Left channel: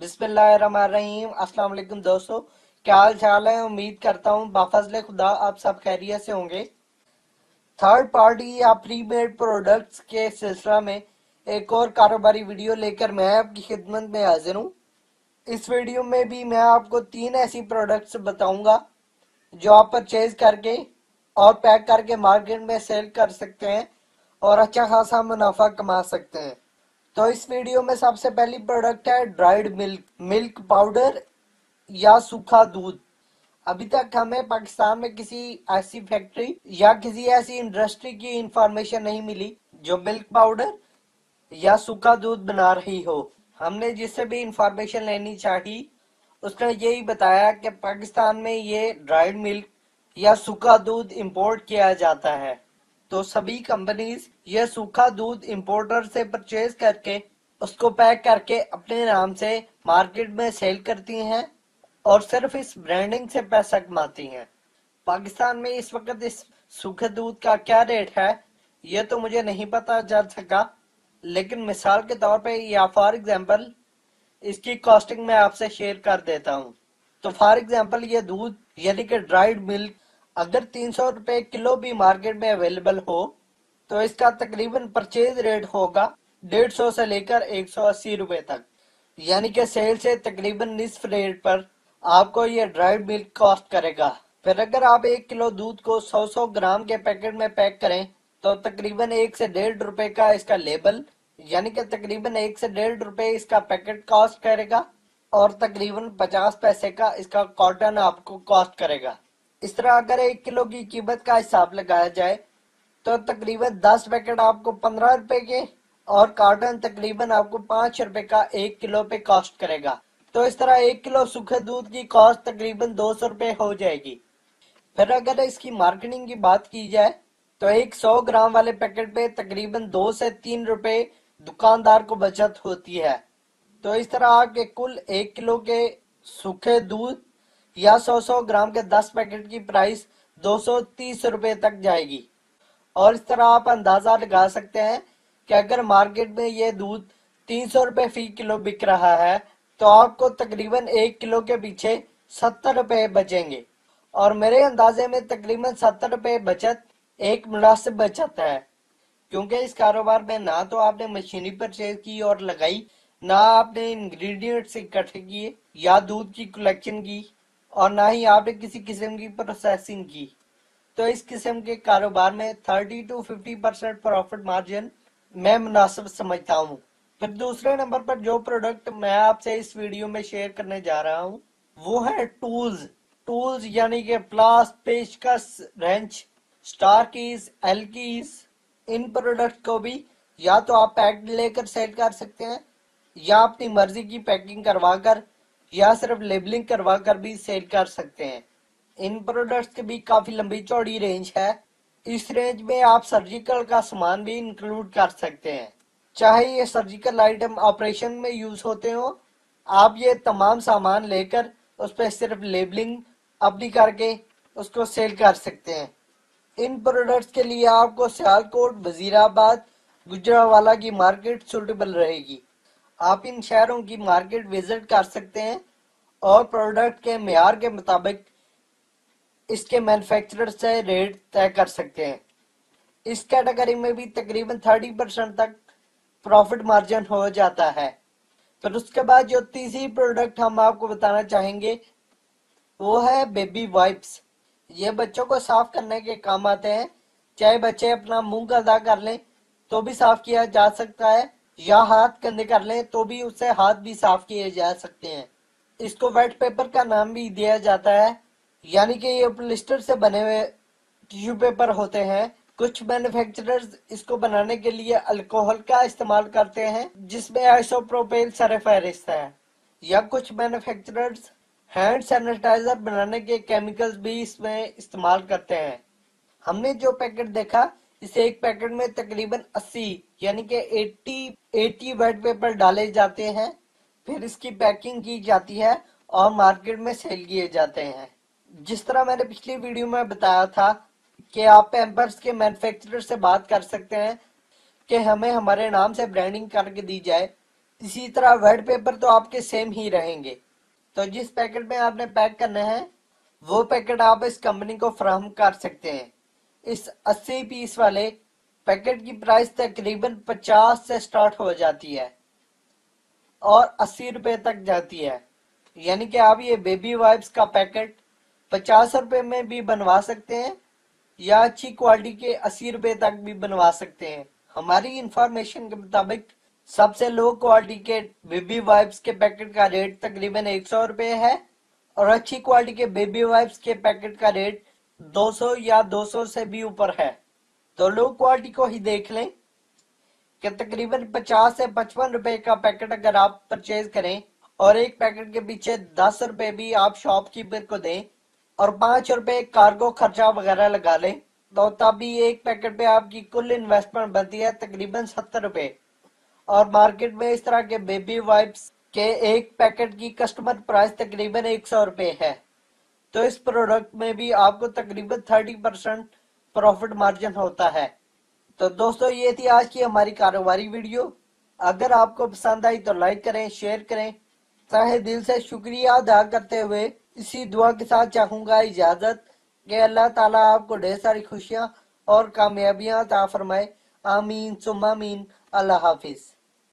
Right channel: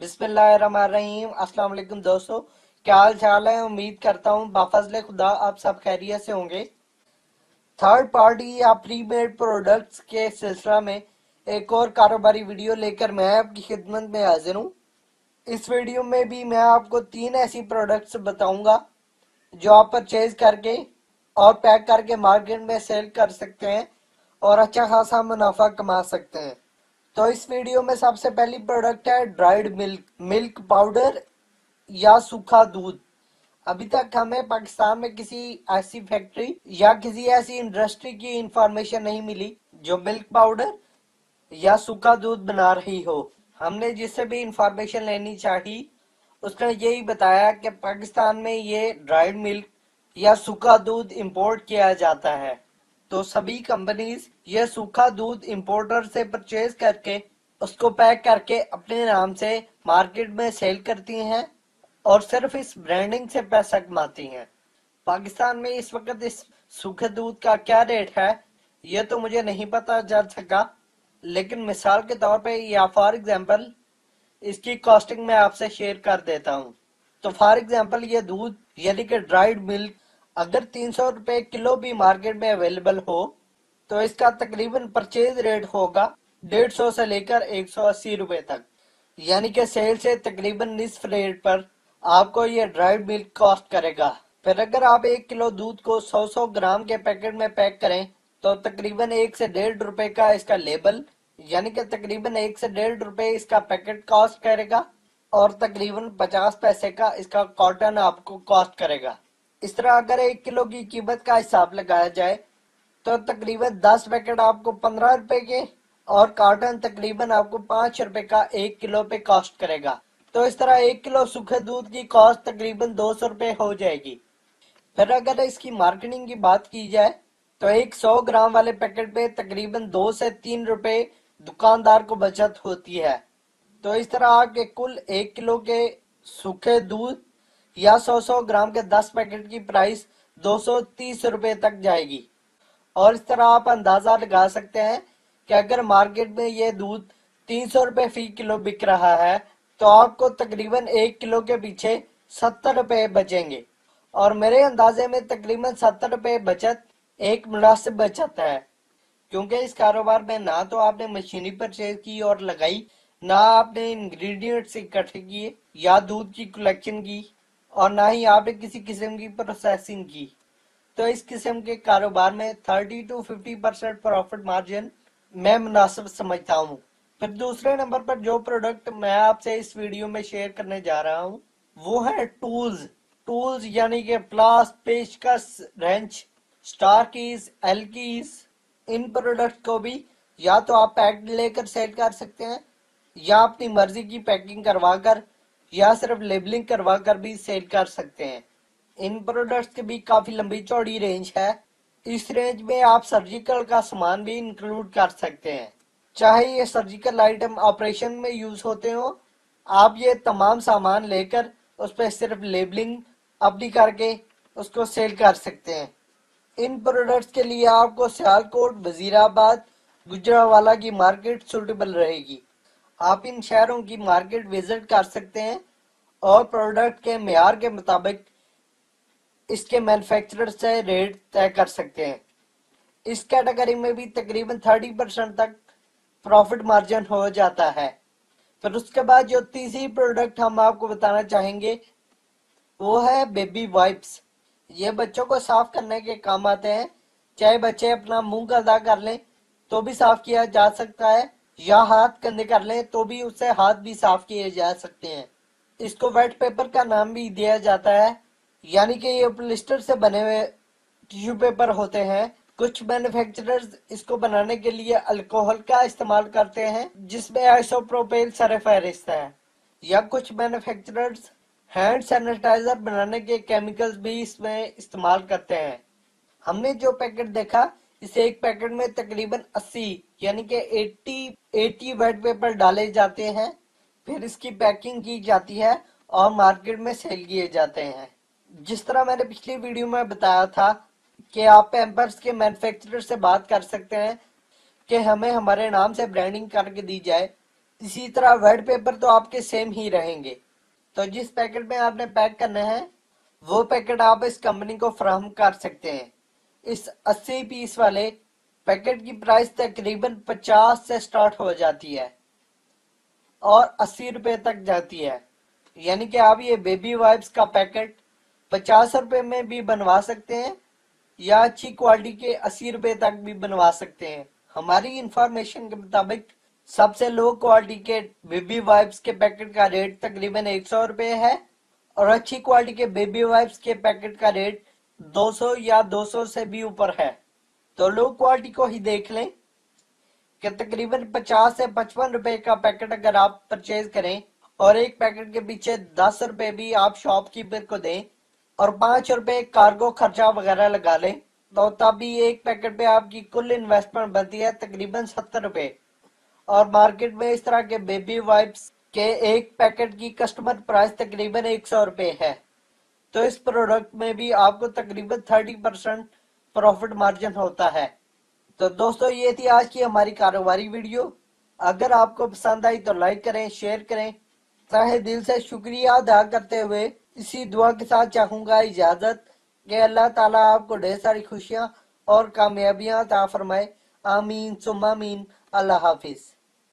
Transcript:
बिस्मिल्लाहिर्रहमानिर्रहीम। अस्सलाम वालेकुम दोस्तों, क्या हाल चाल है। उम्मीद करता हूँ बफज़ल खुदा आप सब खैरियत से होंगे। थर्ड पार्टी या प्रीपेड प्रोडक्ट्स के सिलसिला में एक और कारोबारी वीडियो लेकर मैं आपकी खिदमत में हाजिर हूँ। इस वीडियो में भी मैं आपको 3 ऐसी प्रोडक्ट्स बताऊंगा जो आप परचेज करके और पैक करके मार्केट में सेल कर सकते हैं और अच्छा खासा मुनाफा कमा सकते हैं। तो इस वीडियो में सबसे पहली प्रोडक्ट है ड्राइड मिल्क मिल्क पाउडर या सूखा दूध। अभी तक हमें पाकिस्तान में किसी ऐसी फैक्ट्री या किसी ऐसी इंडस्ट्री की इंफॉर्मेशन नहीं मिली जो मिल्क पाउडर या सूखा दूध बना रही हो। हमने जिससे भी इंफॉर्मेशन लेनी चाहिए उसने यही बताया कि पाकिस्तान में ये ड्राइड मिल्क या सूखा दूध इंपोर्ट किया जाता है। तो सभी कंपनीज ये सूखा दूध इंपोर्टर से परचेज करके उसको पैक करके अपने नाम से मार्केट में सेल करती हैं और सिर्फ इस ब्रांडिंग से पैसा कमाती हैं। पाकिस्तान में इस वक्त इस सूखे दूध का क्या रेट है ये तो मुझे नहीं पता चल सका, लेकिन मिसाल के तौर पे या फॉर एग्जांपल इसकी कॉस्टिंग मैं आपसे शेयर कर देता हूँ। तो फॉर एग्जांपल ये दूध यानी कि ड्राइड मिल्क अगर 300 रुपए किलो भी मार्केट में अवेलेबल हो तो इसका तकरीबन परचेज रेट होगा 150 से लेकर 180 रुपए तक, यानी कि सेल से तकरीबन निस्फ रेट पर आपको ये ड्राइड मिल्क कॉस्ट करेगा। फिर अगर आप 1 किलो दूध को 100 ग्राम के पैकेट में पैक करें तो तकरीबन 1 से 1.5 रुपए का इसका लेबल यानी कि तकरीबन 1 से 1.5 रुपए इसका पैकेट कॉस्ट करेगा और तकरीबन 50 पैसे का इसका कॉटन आपको कॉस्ट करेगा। इस तरह अगर 1 किलो की कीमत का हिसाब लगाया जाए तो तकरीबन 10 पैकेट आपको 15 रुपए के और कॉटन तकरीबन आपको 5 रुपए का 1 किलो पे कॉस्ट करेगा। तो इस तरह 1 किलो सूखे दूध की कॉस्ट तकरीबन 200 रुपए हो जाएगी। फिर अगर इसकी मार्केटिंग की बात की जाए तो एक 100 ग्राम वाले पैकेट पे तकरीबन 2 से 3 रुपए दुकानदार को बचत होती है। तो इस तरह आके कुल 1 किलो के सूखे दूध या 100 ग्राम के 10 पैकेट की प्राइस 230 रुपए तक जाएगी। और इस तरह आप अंदाजा लगा सकते हैं कि अगर मार्केट में ये दूध 300 रुपए फी किलो बिक रहा है तो आपको तकरीबन 1 किलो के पीछे 70 रुपए बचेंगे और मेरे अंदाजे में तकरीबन 70 रुपए बचत एक मुनासिब बचत है, क्योंकि इस कारोबार में ना तो आपने मशीनी परचेज की और लगाई, ना आपने इंग्रेडिएंट्स इकट्ठे किए या दूध की कलेक्शन की और ना ही आपने किसी किस्म की प्रोसेसिंग की। तो इस किस्म के कारोबार में 30 to 50% प्रॉफिट मार्जिन मैं मुनासिब समझता हूँ। फिर दूसरे नंबर पर जो प्रोडक्ट मैं आपसे इस वीडियो में शेयर करने जा रहा हूँ वो है टूल्स। टूल्स यानी कि प्लास, पेचकस, wrench, star keys, L keys. इन प्रोडक्ट को भी या तो आप पैक लेकर सेल कर सकते हैं या अपनी मर्जी की पैकिंग करवाकर या सिर्फ लेबलिंग करवाकर भी सेल कर सकते हैं। इन प्रोडक्ट्स की भी काफी लंबी चौड़ी रेंज है। इस रेंज में आप सर्जिकल का सामान भी इंक्लूड कर सकते हैं, चाहे ये सर्जिकल आइटम ऑपरेशन में यूज होते हो। आप ये तमाम सामान लेकर उस पर सिर्फ लेबलिंग अपनी करके उसको सेल कर सकते हैं। इन प्रोडक्ट्स के लिए आपको सियालकोट, वजीराबाद, गुजरावाला की मार्केट सुटेबल रहेगी। आप इन शहरों की मार्केट विजिट कर सकते हैं और प्रोडक्ट के मेयार के मुताबिक इसके मैन्युफैक्चरर से रेट तय कर सकते हैं। इस कैटेगरी में भी तकरीबन 30% तक प्रॉफिट मार्जिन हो जाता है। फिर उसके बाद जो तीसरी प्रोडक्ट हम आपको बताना चाहेंगे वो है बेबी वाइप्स। ये बच्चों को साफ करने के काम आते हैं। चाहे बच्चे अपना मुंह गंदा कर लें तो भी साफ किया जा सकता है या हाथ गंदे कर लें तो भी उससे हाथ भी साफ किए जा सकते हैं। इसको वेट पेपर का नाम भी दिया जाता है, यानी कि ये पॉलिस्टर से बने हुए टिश्यू पेपर होते हैं। कुछ मैन्युफैक्चरर्स इसको बनाने के लिए अल्कोहल का इस्तेमाल करते हैं जिसमें आइसोप्रोपेन सरफेरिस है, या कुछ मैन्युफैक्चरर्स हैंड सैनिटाइजर बनाने के केमिकल्स भी इसमें इस्तेमाल करते हैं। हमने जो पैकेट देखा इस एक पैकेट में तकरीबन 80 यानी कि 80 वेट पेपर डाले जाते हैं। फिर इसकी पैकिंग की जाती है और मार्केट में सेल किए जाते हैं। जिस तरह मैंने पिछली वीडियो में बताया था कि आप पैम्पर्स के मैन्युफैक्चरर से बात कर सकते हैं कि हमें हमारे नाम से ब्रांडिंग करके दी जाए इसी तरह वेट पेपर तो आपके सेम ही रहेंगे। तो जिस पैकेट में आपने पैक करना है वो पैकेट आप इस कंपनी को फराहम कर सकते हैं। इस 80 पीस वाले पैकेट की प्राइस तकरीबन 50 से स्टार्ट हो जाती है और 80 रुपए तक जाती है। यानी कि आप ये बेबी वाइप्स का पैकेट 50 रुपए में भी बनवा सकते हैं या अच्छी क्वालिटी के 80 रुपए तक भी बनवा सकते हैं। हमारी इंफॉर्मेशन के मुताबिक सबसे लो क्वालिटी के बेबी वाइप्स के पैकेट का रेट तकरीबन 100 रुपए है और अच्छी क्वालिटी के बेबी वाइप्स के पैकेट का रेट 200 या 200 से भी ऊपर है। तो लो क्वालिटी को ही देख लें कि तकरीबन 50 से 55 रुपए का पैकेट अगर आप परचेज करें और एक पैकेट के पीछे 10 रुपए भी आप शॉपकीपर को दें और 5 रुपए कार्गो खर्चा वगैरह लगा लें तो तभी एक पैकेट पे आपकी कुल इन्वेस्टमेंट बनती है तकरीबन 70 रुपए। और मार्केट में इस तरह के बेबी वाइप्स के एक पैकेट की कस्टमर प्राइस तकरीबन 100 रुपए है। तो इस प्रोडक्ट में भी आपको तकरीबन 30% प्रॉफिट मार्जिन होता है। तो दोस्तों ये थी आज की हमारी कारोबारी वीडियो। अगर आपको पसंद आई तो लाइक करें, शेयर करें। तहे दिल से शुक्रिया अदा करते हुए इसी दुआ के साथ चाहूंगा इजाजत कि अल्लाह ताला आपको ढेर सारी खुशियां और कामयाबियां अता फरमाए। आमीन सुम्मा आमीन। अल्लाह हाफिज।